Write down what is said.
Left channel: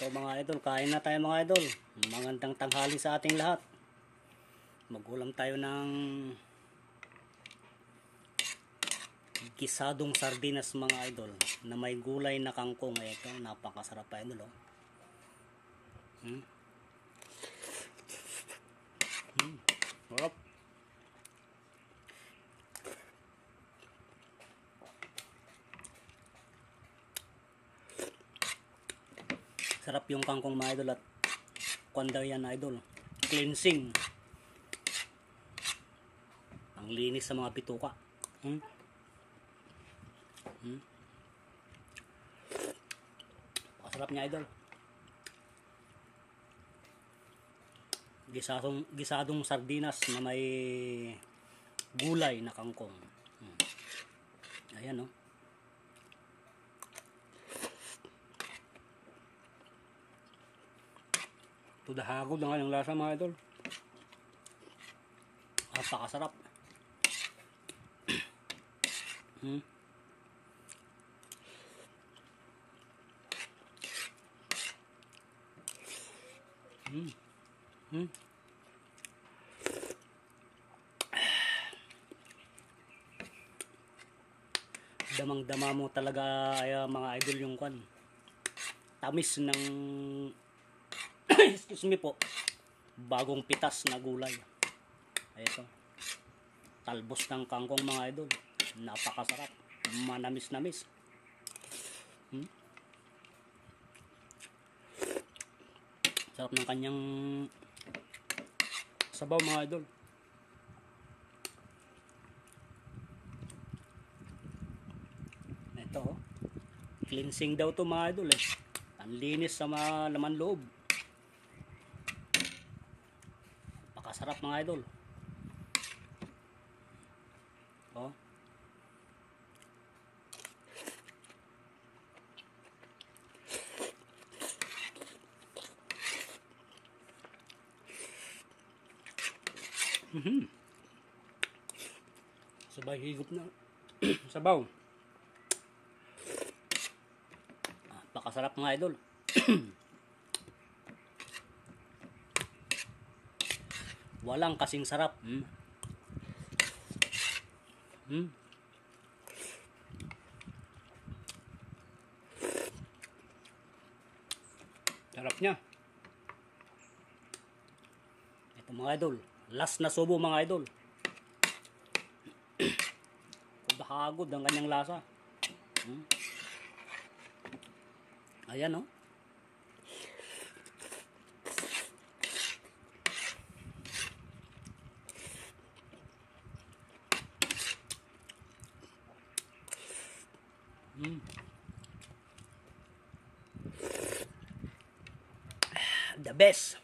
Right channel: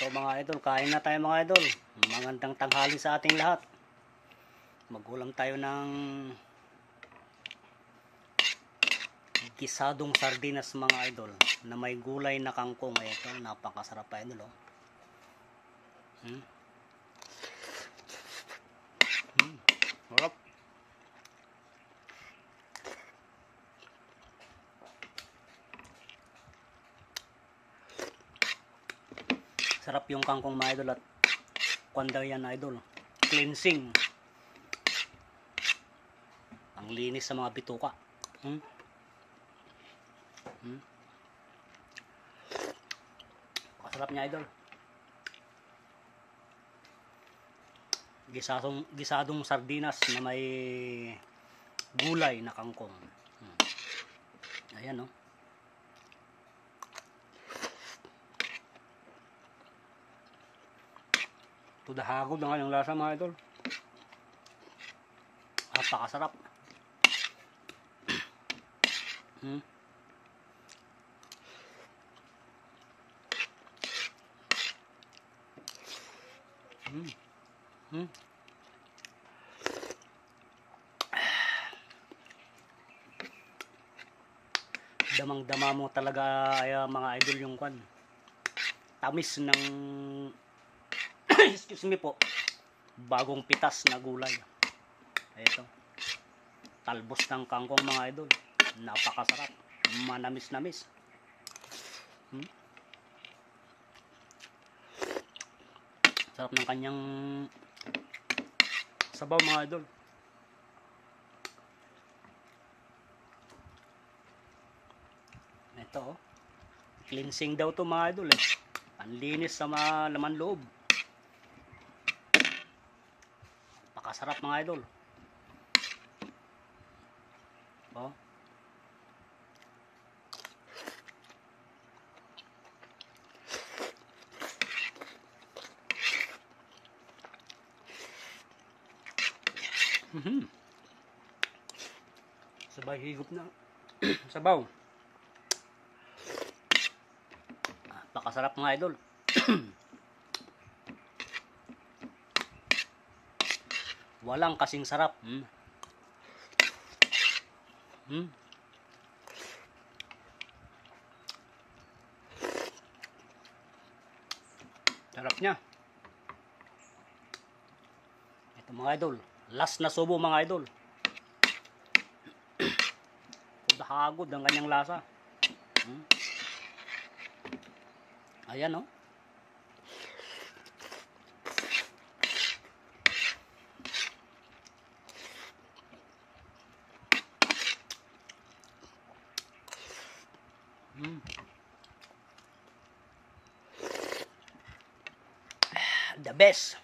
So mga idol, kain na tayo mga idol. Magandang tanghali sa ating lahat. Magulam tayo ng gisadong sardinas mga idol na may gulay na kangkong. Ito, napakasarap pa idol oh. Sarap. Sarap yung kangkong mga idol at kwanda yan idol. Cleansing. Ang linis sa mga bituka. Masarap niya idol. Gisadong sardinas na may gulay na kangkong. Ayan oh. Tudahagod na nga yung lasa mga idol. Napakasarap. Damang-dama mo talaga ay, mga idol yung kwan. Tamis ng excuse me po. Bagong pitas na gulay. Ito. Talbos ng kangkong mga idol. Napakasarap. Manamis-namis. Sarap ng kanyang sabaw mga idol. Ito oh. Cleansing daw to mga idol eh. Panlinis sa mga laman loob. Napakasarap mga idol. Oh. Sabay higop na. Sabaw. Napakasarap mga idol. Walang kasing sarap. Sarap niya. Ito mga idol. Last na subo mga idol. Hagod ang kanyang lasa. Ayan oh. The best.